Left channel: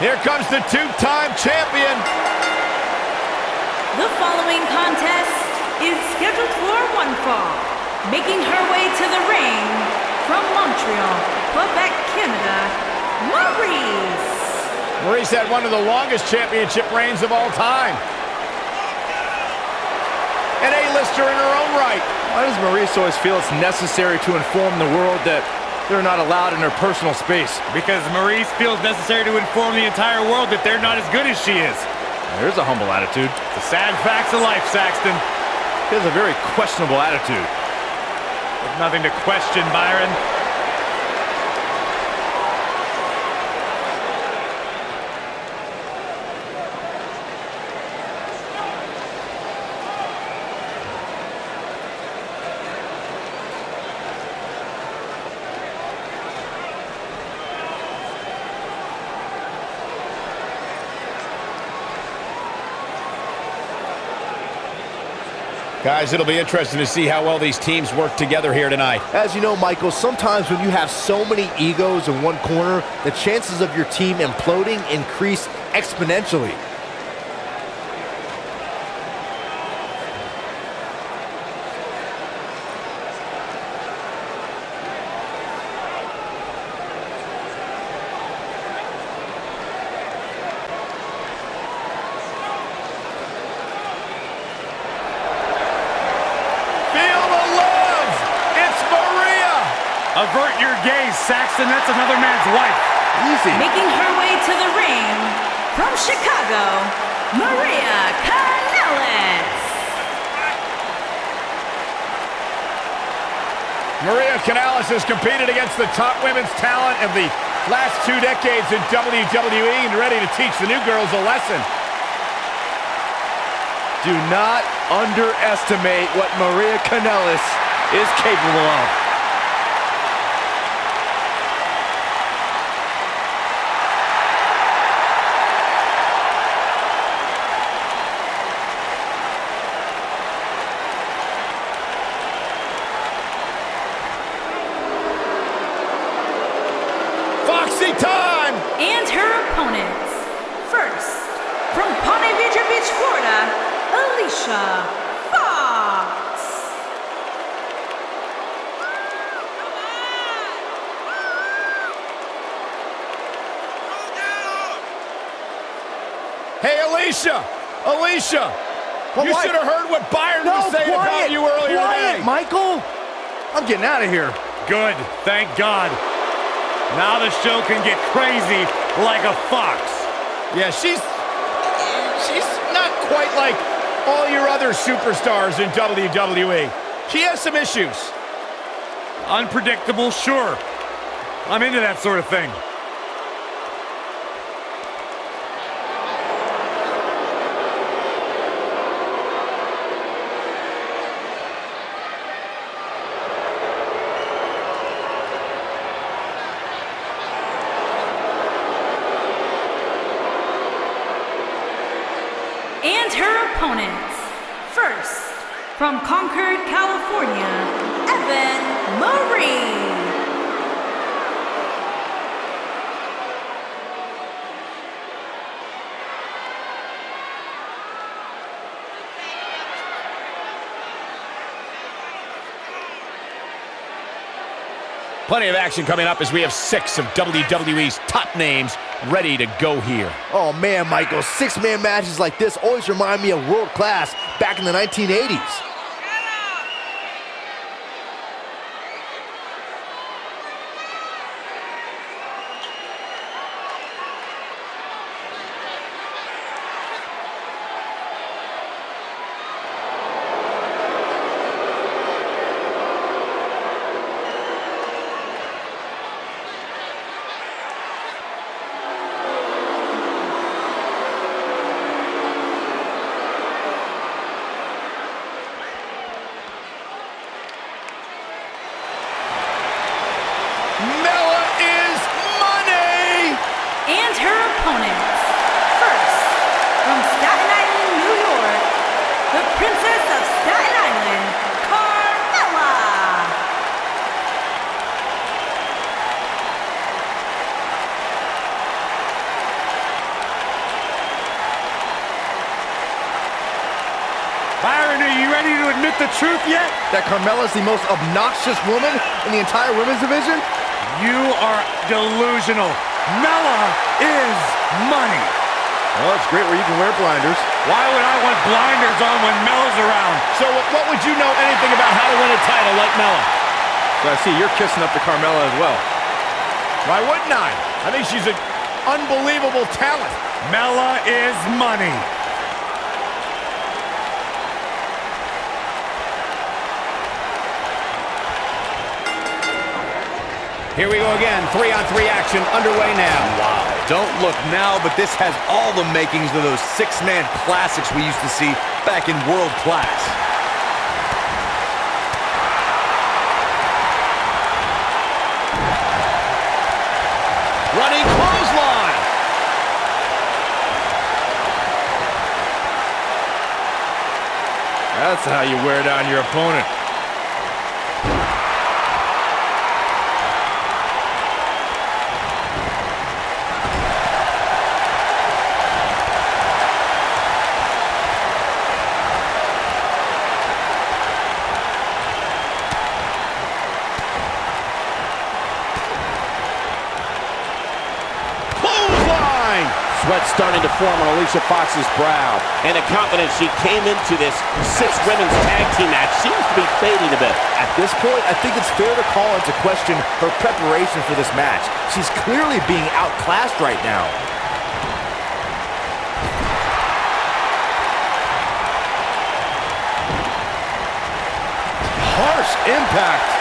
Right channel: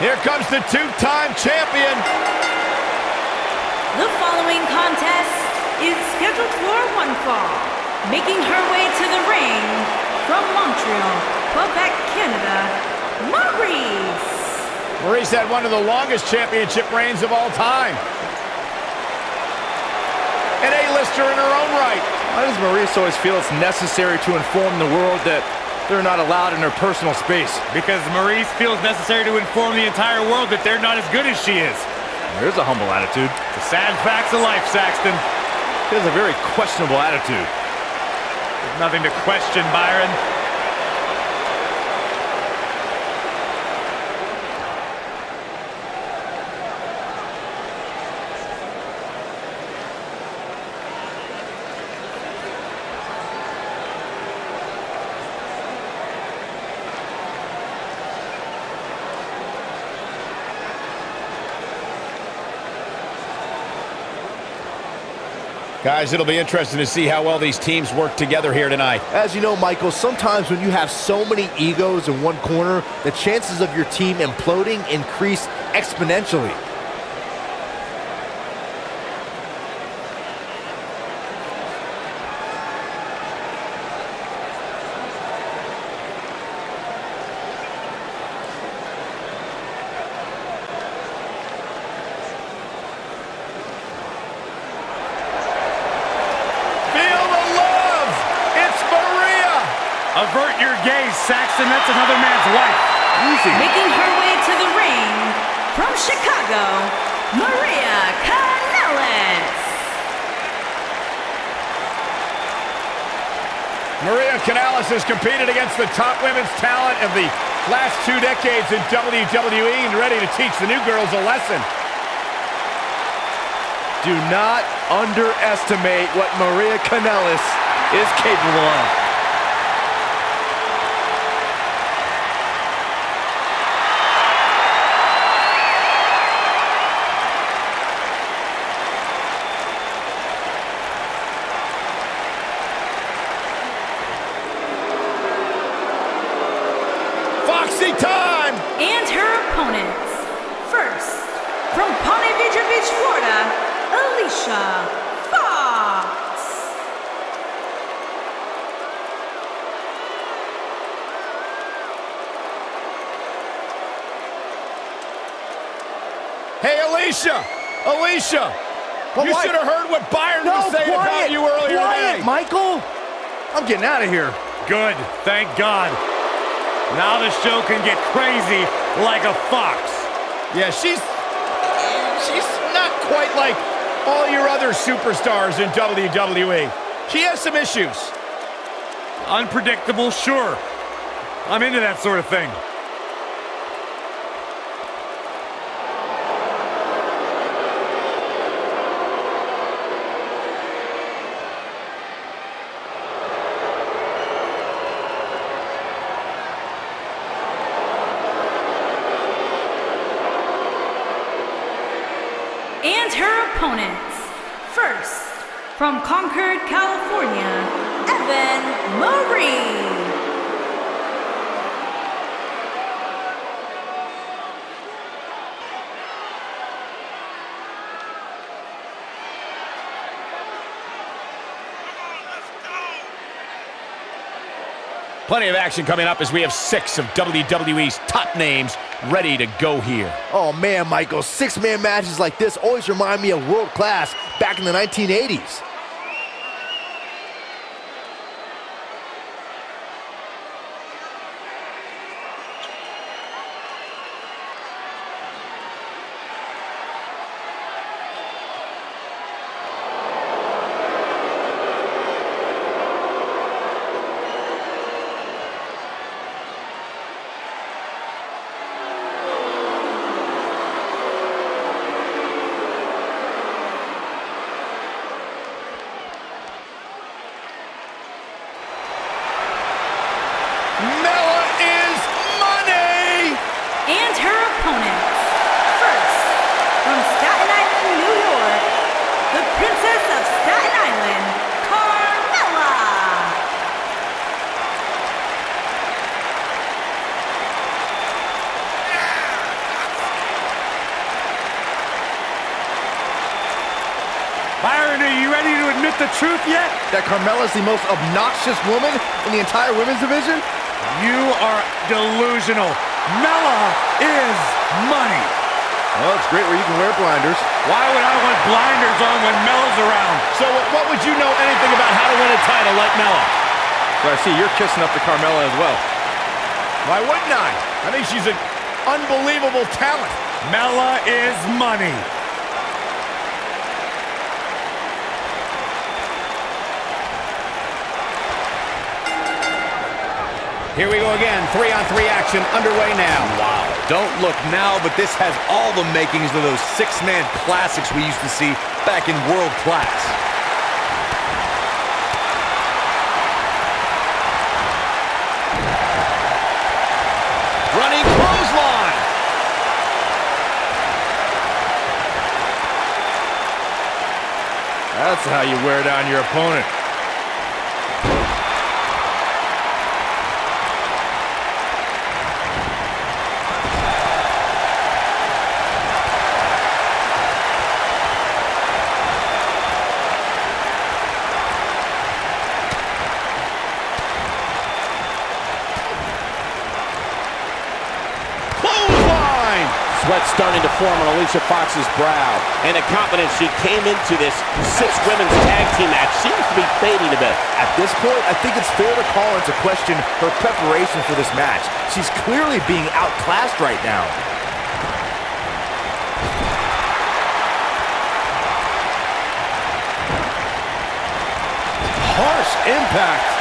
Here comes the two-time champion. The following contest is scheduled for one fall. Making her way to the ring from Montreal, Quebec, Canada, Maryse. Maryse had one of the longest championship reigns of all time. An A-lister in her own right. Why does Maryse always feel it's necessary to inform the world that they're not allowed in her personal space? Because Maryse feels necessary to inform the entire world that they're not as good as she is. There's a humble attitude. The sad facts of life, Saxton. He has a very questionable attitude. There's nothing to question, Byron. Guys, it'll be interesting to see how well these teams work together here tonight. As you know, Michael, sometimes when you have so many egos in one corner, the chances of your team imploding increase exponentially. Avert your gaze, Saxton. That's another man's wife. Easy. Making her way to the ring from Chicago, Kanellis. Kanellis has competed against the top women's talent of the last 2 decades in WWE and ready to teach the new girls a lesson. Do not underestimate what Kanellis is capable of. Time! And her opponents. First, from Ponte Vedra Beach, Florida, Alicia Fox. Hey, Alicia! Alicia! Well, you should have heard what Byron was saying about you earlier today. Michael! I'm getting out of here. Good. Thank God. Now the show can get crazy like a fox. Yeah, she's not quite like all your other superstars in WWE. She has some issues. Unpredictable, sure. I'm into that sort of thing. And her opponents. First, from Concord, California, Maryse. Plenty of action coming up as we have 6 of WWE's top names ready to go here. Oh man, Michael, 6-man matches like this always remind me of world class back in the 1980s. And her opponents. First, from Staten Island, New York, the Princess of Staten Island, Carmella. ready to admit the truth yet? That Carmella is the most obnoxious woman in the entire women's division? You are delusional. Mella is money. Well, it's great where you can wear blinders. Why would I want blinders on when Mella's around? So what would you know anything about how to win a title like Mella? So I see you're kissing up to Carmella as well. Why wouldn't I? I think she's an unbelievable talent. Mella is money. Here we go again, 3-on-3 action underway now. Wow, don't look now, but this has all the makings of those six-man classics we used to see back in world class. Running clothesline. That's how you wear down your opponent. Sweat starting to form on Alicia Fox's brow, and the confidence she came into this women's tag team match seems to be fading a bit. At this point, I think it's fair to call into question her preparation for this match. She's clearly being outclassed right now. Harsh impact.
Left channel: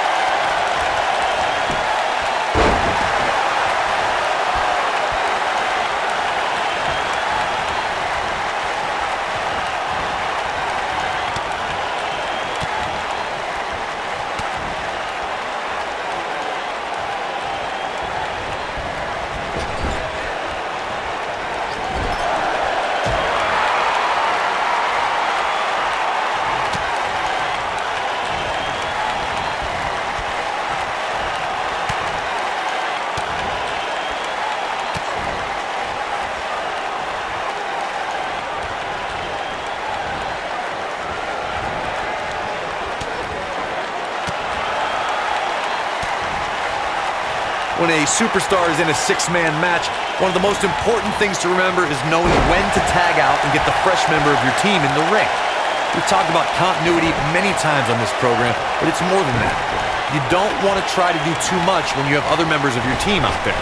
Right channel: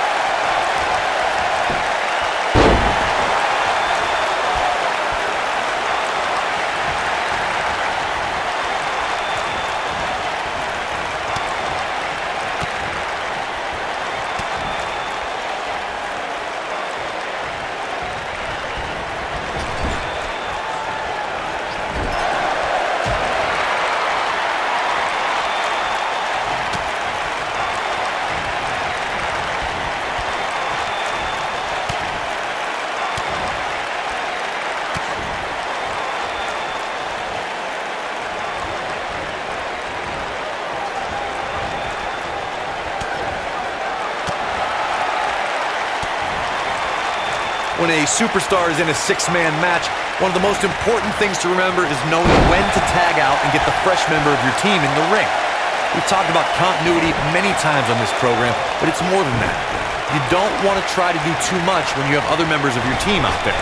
When a superstar is in a six-man match, one of the most important things to remember is knowing when to tag out and get the fresh member of your team in the ring. We've talked about continuity many times on this program, but it's more than that. You don't want to try to do too much when you have other members of your team out there.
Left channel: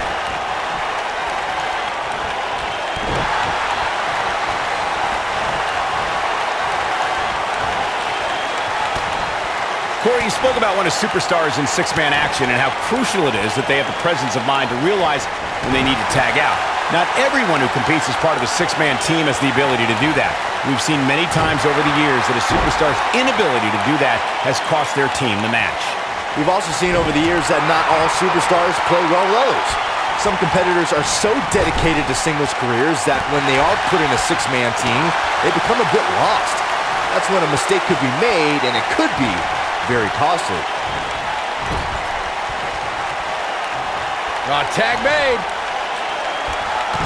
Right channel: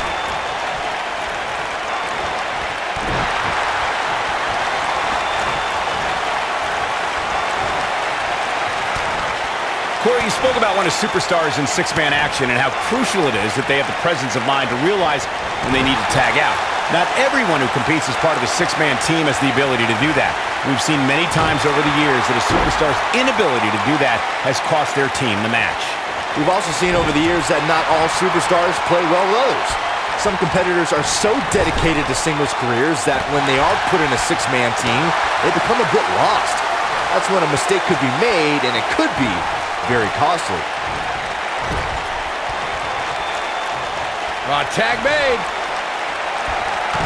Corey, you spoke about when a superstar is in six-man action and how crucial it is that they have the presence of mind to realize when they need to tag out. Not everyone who competes as part of a six-man team has the ability to do that. We've seen many times over the years that a superstar's inability to do that has cost their team the match. We've also seen over the years that not all superstars play well with others. Some competitors are so dedicated to singles careers that when they are put in a six-man team, they become a bit lost. That's when a mistake could be made, and it could be very costly. Tag made.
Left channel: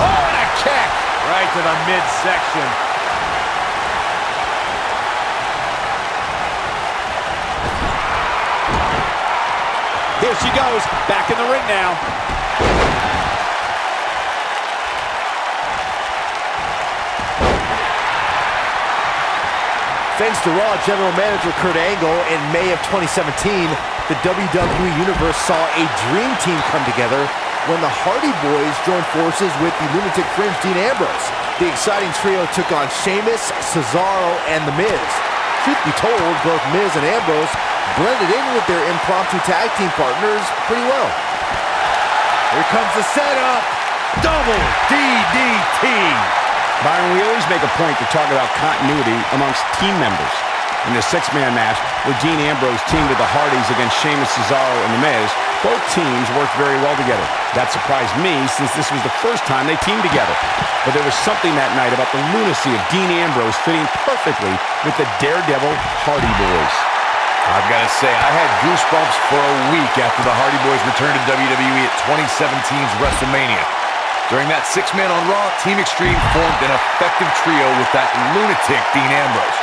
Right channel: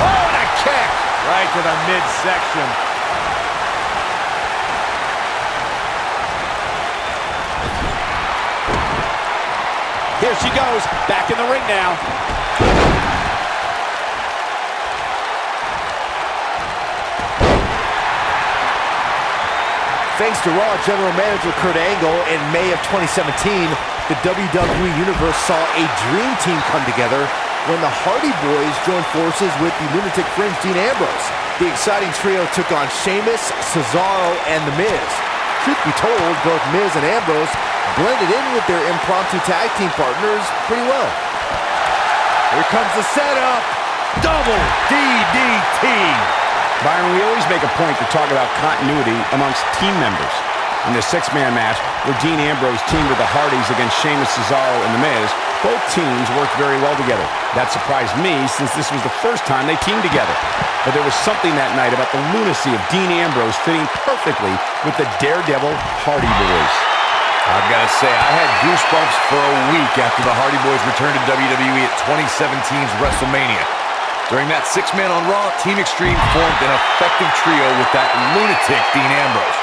Oh, and a kick. Right to the midsection. Here she goes, back in the ring now. Thanks to Raw General Manager Kurt Angle, in May of 2017, the WWE Universe saw a dream team come together when the Hardy Boys joined forces with the Lunatic Fringe Dean Ambrose. The exciting trio took on Sheamus, Cesaro, and The Miz. Truth be told, both Miz and Ambrose blended in with their impromptu tag team partners pretty well. Here comes the setup. Double DDT. Byron, we always make a point to talk about continuity amongst team members. In the six-man match, where Dean Ambrose teamed with the Hardys against Sheamus, Cesaro, and The Miz, both teams worked very well together. That surprised me, since this was the first time they teamed together. But there was something that night about the lunacy of Dean Ambrose fitting perfectly with the Daredevil Hardy Boys. I've got to say, I had goosebumps for a week after the Hardy Boys returned to WWE at 2017's WrestleMania. During that six-man on Raw, Team Extreme formed an effective trio with that lunatic Dean Ambrose.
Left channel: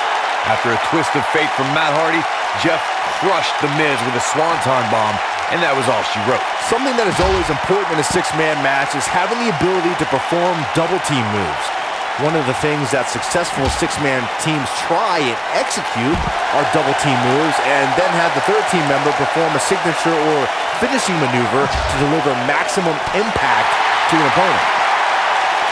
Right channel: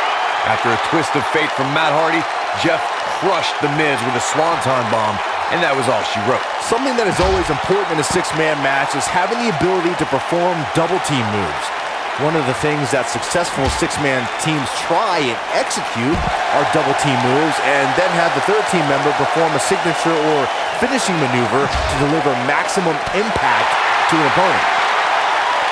After a twist of fate from Matt Hardy, Jeff crushed The Miz with a swanton bomb, and that was all she wrote. Something that is always important in a six-man match is having the ability to perform double team moves. One of the things that successful six-man teams try and execute are double team moves, and then have the third team member perform a signature or finishing maneuver to deliver maximum impact to an opponent.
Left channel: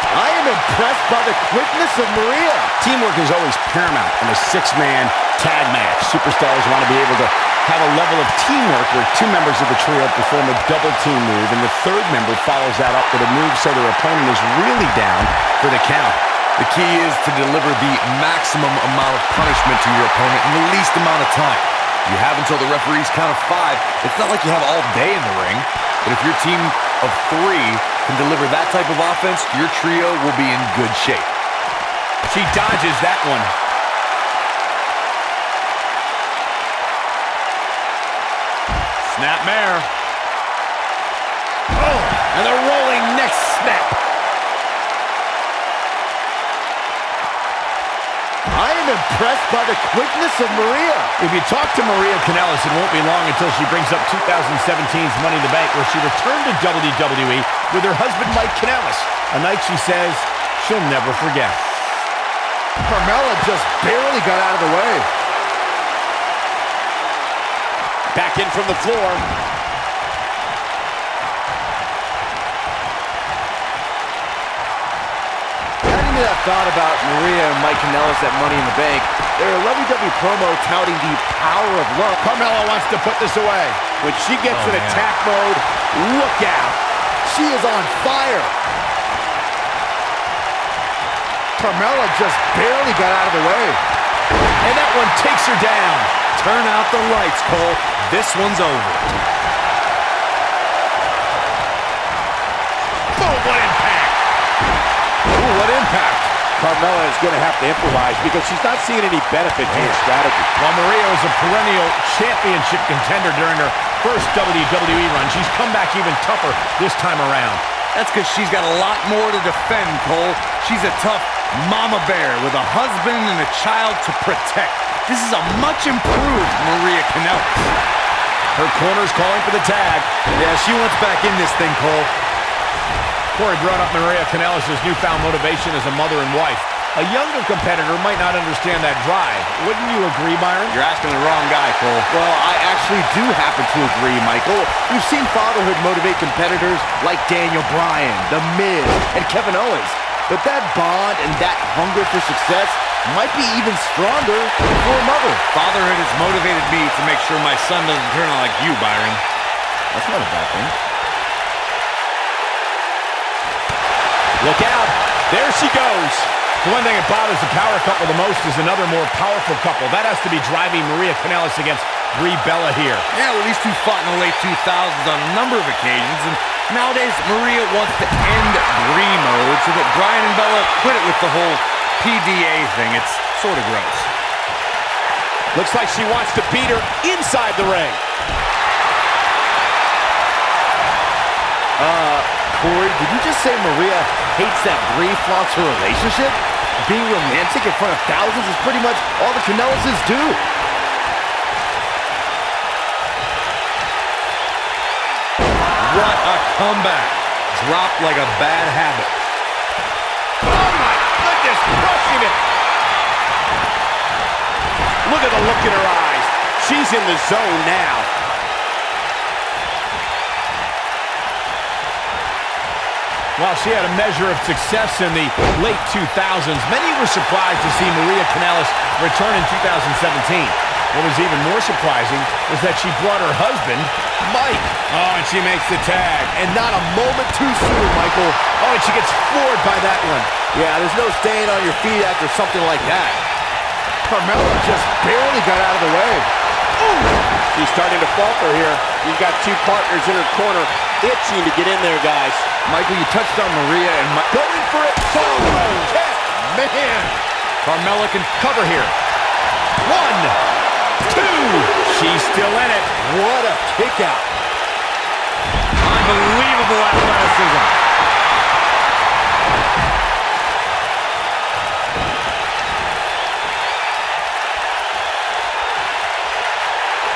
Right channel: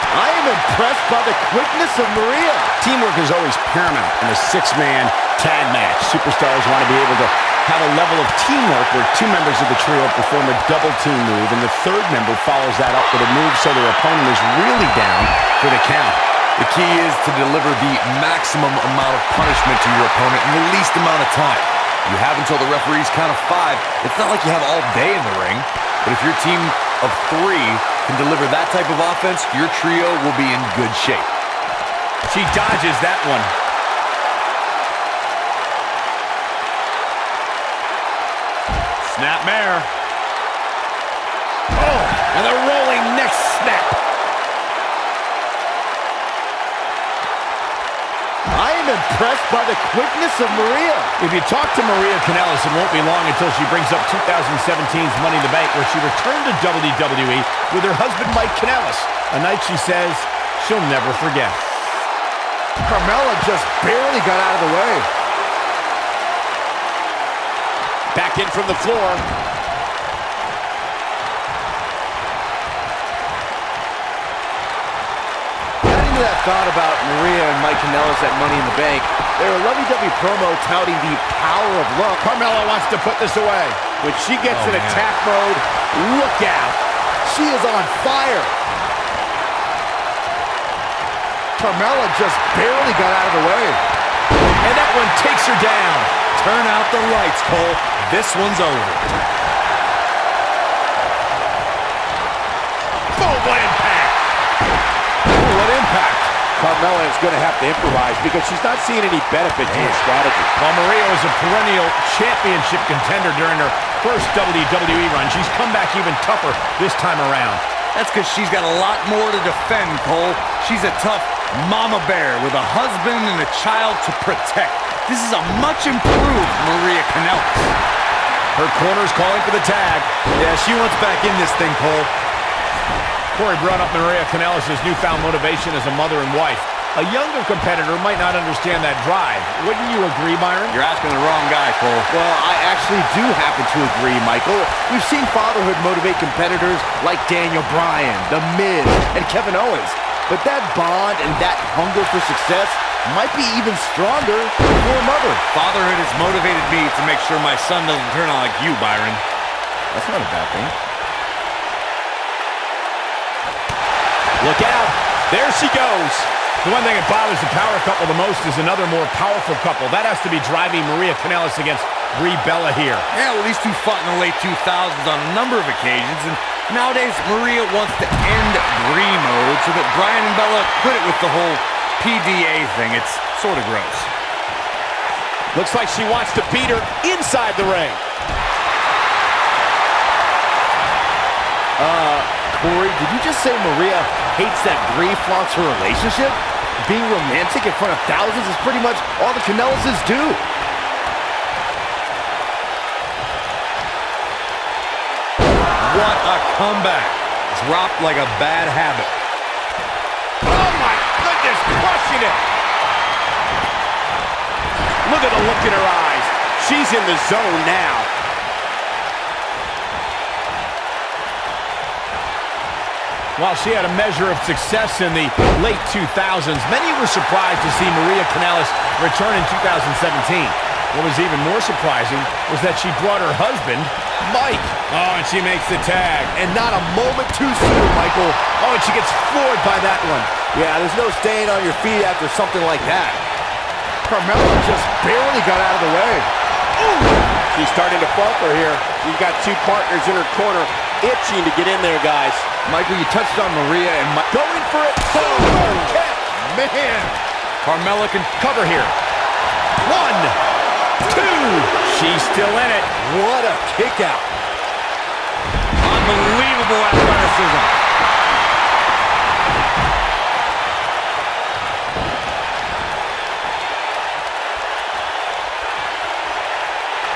I am impressed by the quickness of Maria. Teamwork is always paramount in a six-man tag match. Superstars want to be able to have a level of teamwork where two members of the trio perform a double team move, and the third member follows that up with a move so their opponent is really down for the count. The key is to deliver the maximum amount of punishment to your opponent in the least amount of time. You have until the referee's count of 5. It's not like you have all day in the ring, but if your team of 3 can deliver that type of offense, your trio will be in good shape. She dodges that one. Snapmare. Oh, and the rolling neck snap. I am impressed by the quickness of Maria. If you talk to Maria Kanellis, it won't be long until she brings up 2017's Money in the Bank, where she returned to WWE with her husband, Mike Kanellis. A night she says she'll never forget. Carmella just barely got out of the way. Back in from the floor. Adding to that thought about Maria and Mike Kanellis at Money in the Bank, their lovey-dovey promo touting the power of love. Carmella wants to put this away. When she gets in attack mode, look out. She is on fire. Carmella just barely got out of the way. And that one takes her down. Turn out the lights, Cole. This one's over. Boom, what impact. Ooh, what impact. Carmella is going to have to improvise because she's not seeing any benefit to her strategy. While Maria was a perennial championship contender during her first WWE run, she's come back even tougher this time around. That's because she's got a lot more to defend, Cole. She's a tough mama bear with a husband and a child to protect. This is a much improved Maria Kanellis. Her corner's calling for the tag. Yeah, she wants back in this thing, Cole. Corey brought up Maria Kanellis' newfound motivation as a mother and wife. A younger competitor might not understand that drive. Wouldn't you agree, Byron? You're asking the wrong guy, Cole. Well, I actually do happen to agree, Michael. We've seen fatherhood motivate competitors like Daniel Bryan, The Miz, and Kevin Owens. But that bond and that hunger for success might be even stronger for a mother. Fatherhood has motivated me to make sure my son doesn't turn out like you, Byron. That's not a bad thing. Look out. There she goes. The one thing that bothers the power couple the most is another more powerful couple. That has to be driving Maria Kanellis against Brie Bella here. Yeah, well, these two fought in the late 2000s on a number of occasions, and nowadays Maria wants to end Brie mode so that Bryan and Bella quit it with the whole PDA thing. It's sort of gross. Looks like she wants to beat her inside the ring. Corey, did you just say Maria hates that Brie flaunts her relationship? Being romantic in front of thousands is pretty much all the Kanellises do. What a comeback. Dropped like a bad habit. Oh my goodness, crushing it. Look at the look in her eyes. She's in the zone now. While she had a measure of success in the late 2000s, many were surprised to see Maria Kanellis return in 2017. What was even more surprising was that she brought her husband, Mike. Oh, and she makes the tag. And not a moment too soon, Michael. Oh, and she gets floored by that one. Yeah, there's no staying on your feet after something like that. Carmella just barely got out of the way. Ooh. She's starting to falter here. You've got two partners in her corner itching to get in there, guys. Michael, you touched on Maria and Going for it. Super kick. Man. Carmella can cover here. 1, 2. She's still in it. What a kick out. unbelievable athleticism.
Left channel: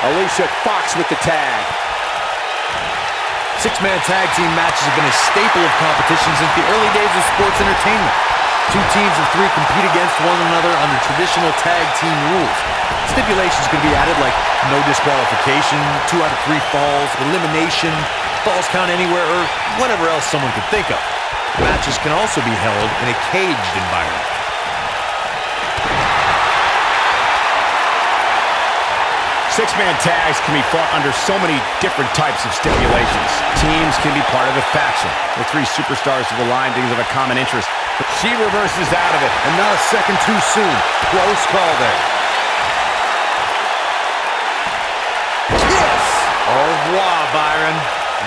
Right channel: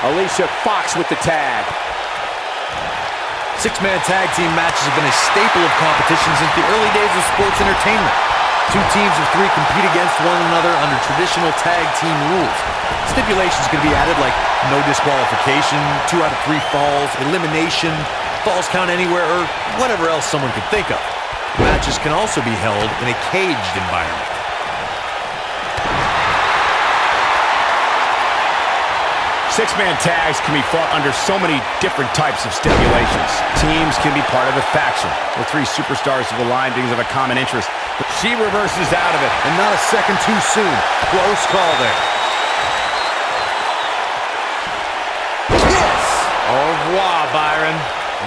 Alicia Fox with the tag. Six-man tag team matches have been a staple of competition since the early days of sports entertainment. Two teams of three compete against one another under traditional tag team rules. Stipulations can be added like no disqualification, 2 out of 3 falls, elimination, falls count anywhere, or whatever else someone could think of. Matches can also be held in a caged environment. Six-man tags can be fought under so many different types of stipulations. Teams can be part of a faction. The 3 superstars have aligned because of a common interest. But she reverses out of it. And not a second too soon. Close call there. Kiss! Au revoir, Byron.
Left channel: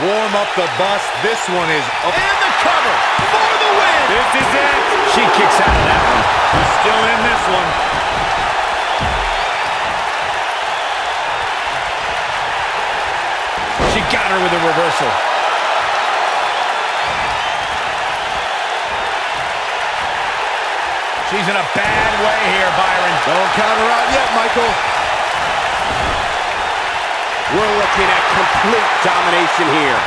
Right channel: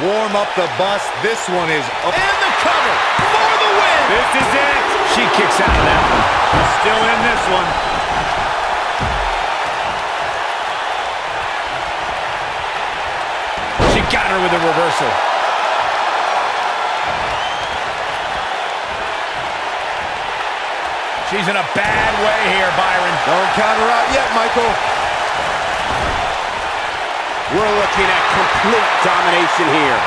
Warm up the bus. This one is up. And the cover for the win! This is it. She kicks out of that one. She's still in this one. She got her with a reversal. She's in a bad way here, Byron. Don't count her out yet, Michael. We're looking at complete domination here.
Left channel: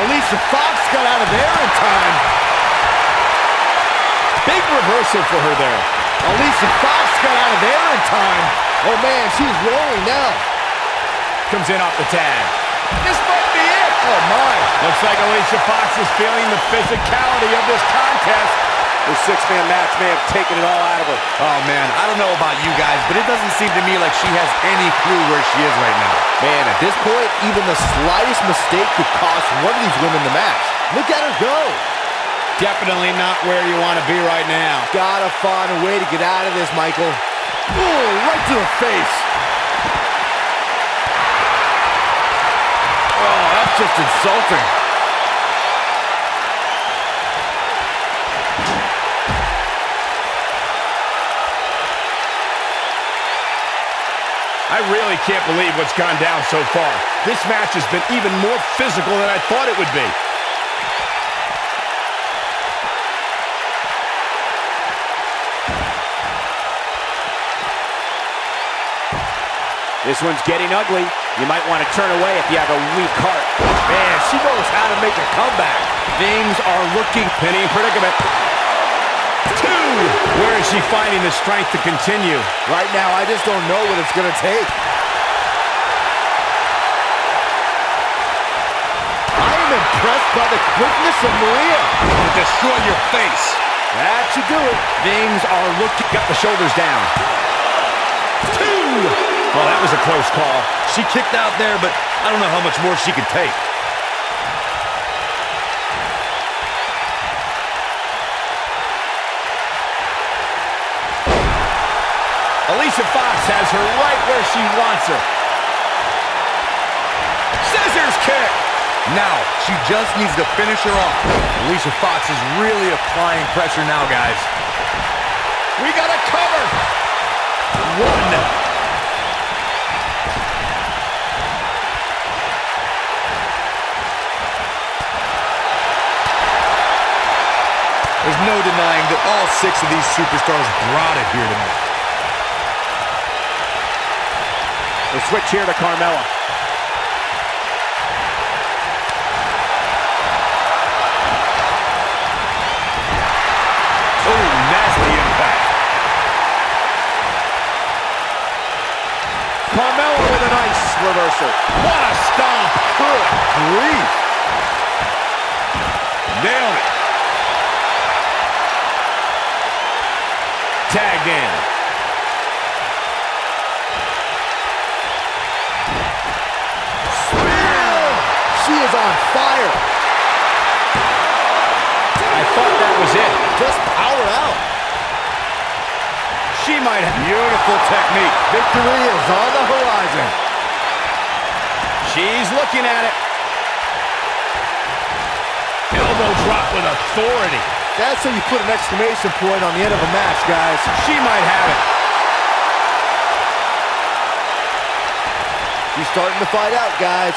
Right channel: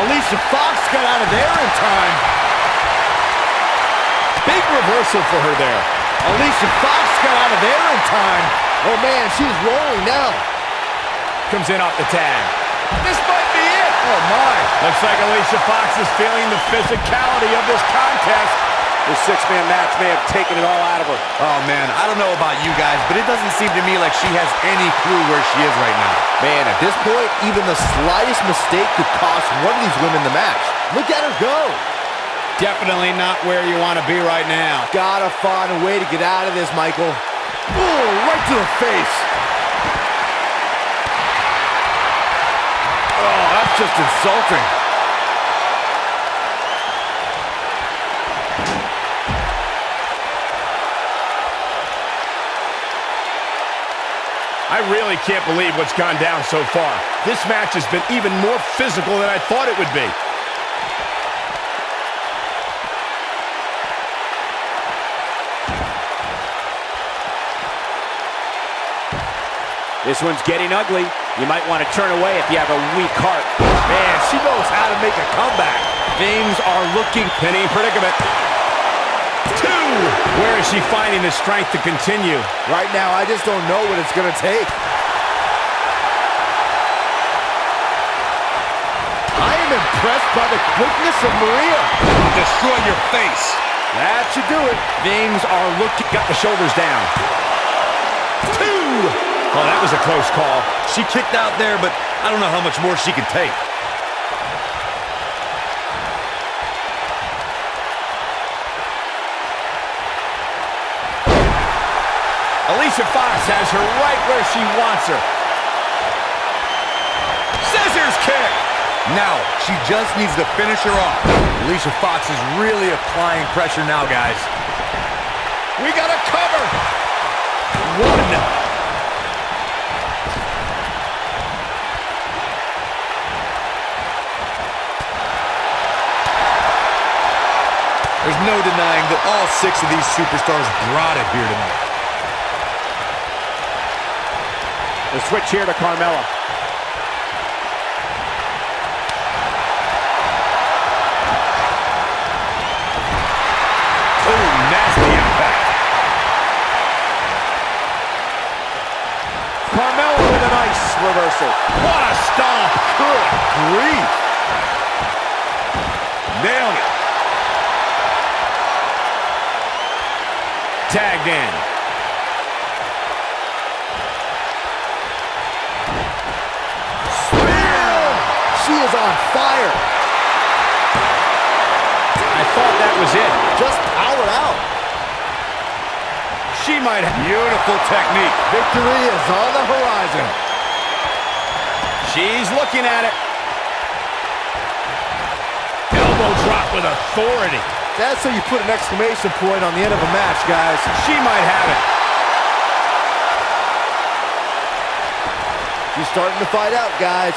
Alicia Fox got out of there in time. Big reversal for her there. Alicia Fox got out of there in time. Oh man, she's rolling now. Comes in off the tag. This might be it. Oh my. Looks like Alicia Fox is feeling the physicality of this contest. This 6-man match may have taken it all out of her. Oh man, I don't know about you guys, but it doesn't seem to me like she has any clue where she is right now. Man, at this point, even the slightest mistake could cost one of these women the match. Look at her go. Definitely not where you want to be right now. Gotta find a way to get out of this, Michael. Ooh, right to the face. Oh, that's just insulting. I really can't believe what's gone down so far. This match has been even more physical than I thought it would be. This one's getting ugly. You might want to turn away if you have a weak heart. Man, she knows how to make a comeback. Things are looking penny predicament. 2! Where is she finding the strength to continue? Right now, I just don't know what it's going to take. I am impressed by the quickness of Maria. Destroy your face. That should do it. Things are looking... Got the shoulders down. 2! Oh, that was a close call. She kicked out there, but I don't know how much more she can take. Alicia Fox has her right where she wants her. Scissors kick! Now, she just needs to finish her off. Alicia Fox is really applying pressure now, guys. We got a cover! 1. There's no denying that all 6 of these superstars brought it here tonight. The switch here to Carmella. Oh, nasty impact. Carmella with a nice reversal. What a stomp! Good grief. Nailed it. Tagged in. She is on fire. I thought that was it. Just powered out. She might have... Beautiful technique. Victory is on the horizon. She's looking at it. Elbow drop with authority. That's how you put an exclamation point on the end of a match, guys. She might have it. She's starting to fight out, guys.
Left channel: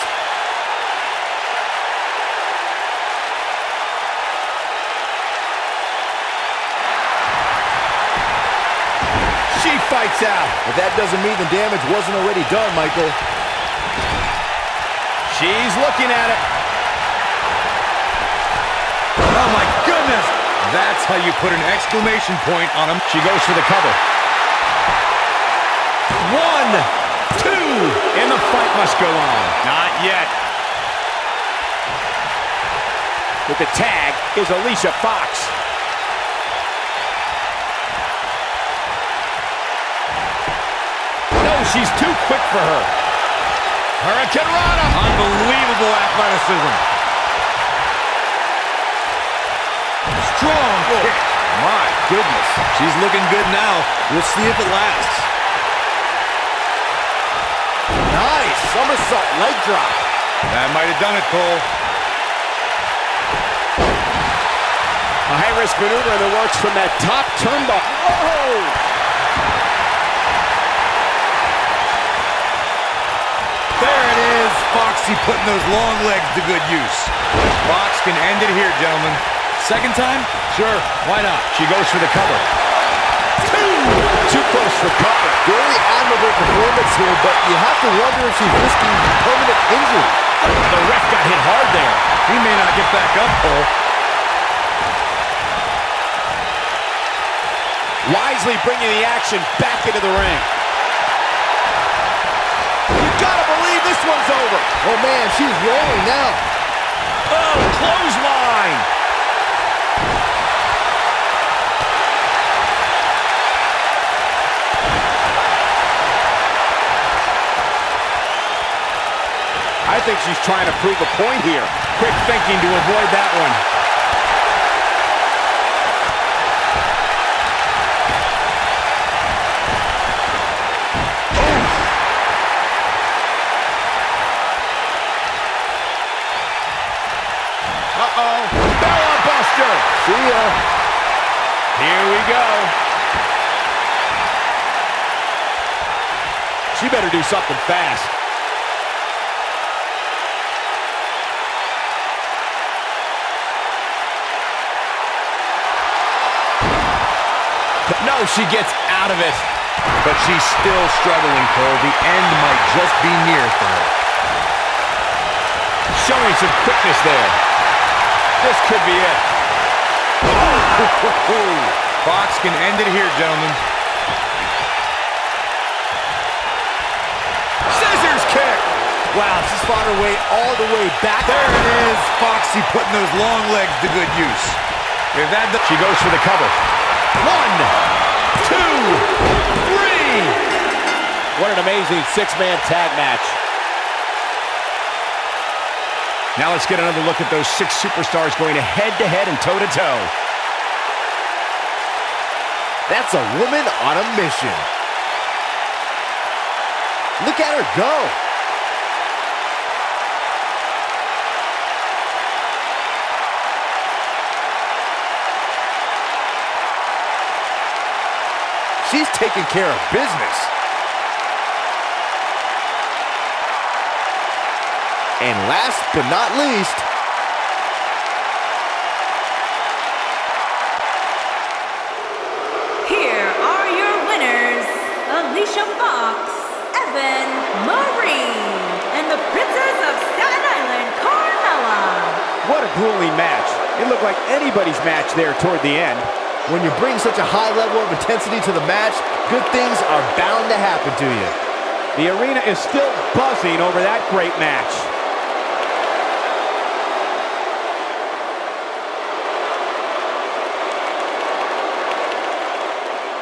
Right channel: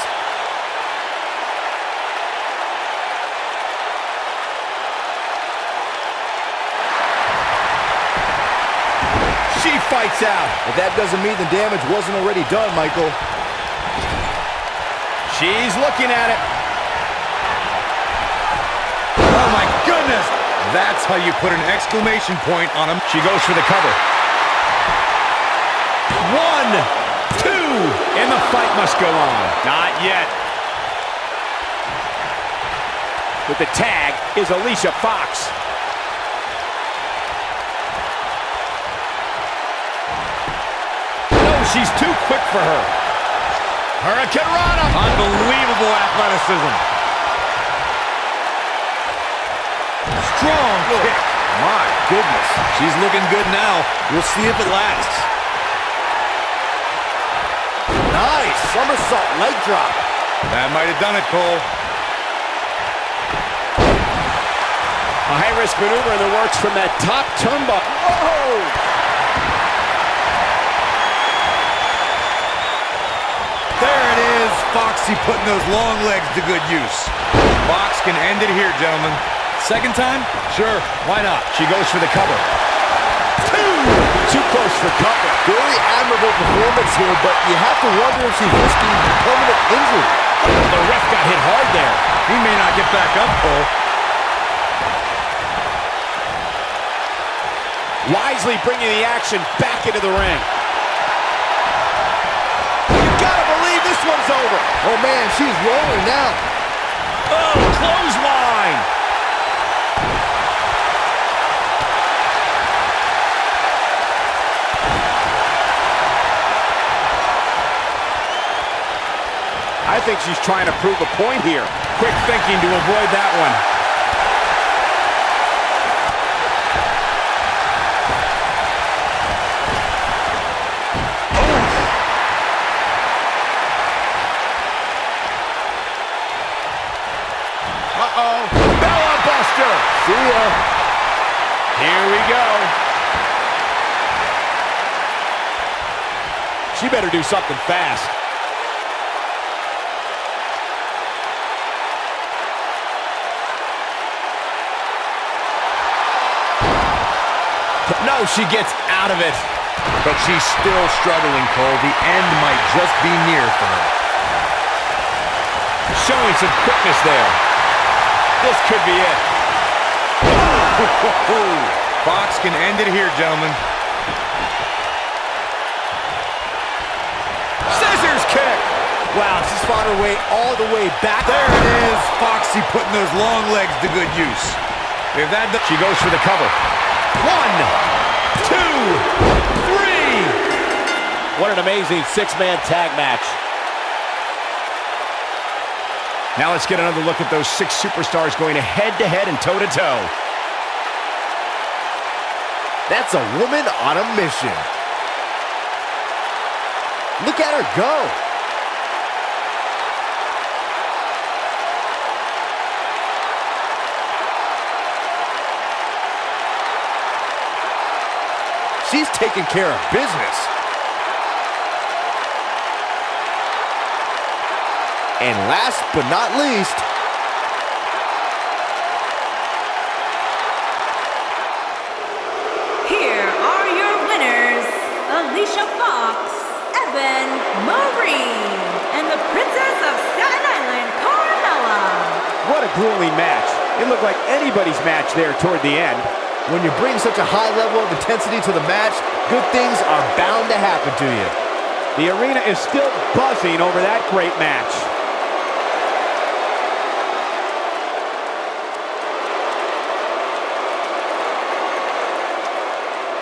She fights out. But that doesn't mean the damage wasn't already done, Michael. She's looking at it. Oh my goodness! That's how you put an exclamation point on him. She goes for the cover. 1, 2, and the fight must go on. Not yet. With the tag is Alicia Fox. No, she's too quick for her. Hurricane Rana. Unbelievable athleticism. Strong kick. My goodness. She's looking good now. We'll see if it lasts. Nice somersault leg drop. That might have done it, Cole. A high-risk maneuver in the works from that top turnbuckle. Whoa! There it is. Foxy putting those long legs to good use. Fox can end it here, gentlemen. Second time? Sure, why not? She goes for the cover. 2! Too close for cover. Very admirable performance here, but you have to wonder if she's risking permanent injury. The ref got hit hard there. He may not get back up, Cole. Wisely bringing the action back into the ring. You gotta believe this one's over. Oh man, she's rolling now. Oh, clothesline. I think she's trying to prove a point here. Quick thinking to avoid that one. Uh-oh. Bella Buster. See ya. Here we go. She better do something fast. No, she gets out of it. But she's still struggling, Cole. The end might just be near for her. Showing some quickness there. This could be it. Fox can end it here, gentlemen. Scissors kick. Wow, she's fought her way all the way back. There it is. Foxy putting those long legs to good use. If that She goes for the cover. 1, 2, 3. What an amazing six-man tag match. Now let's get another look at those 6 superstars going head-to-head and toe-to-toe. That's a woman on a mission. Look at her go. She's taking care of business. And last but not least, Here are your winners, Alicia Fox, Evan Maryse, and the Princess of Staten Island, Carmella. What a grueling match. It looked like anybody's match there toward the end. when you bring such a high level of intensity to the match, good things are bound to happen to you. The arena is still buzzing over that great match.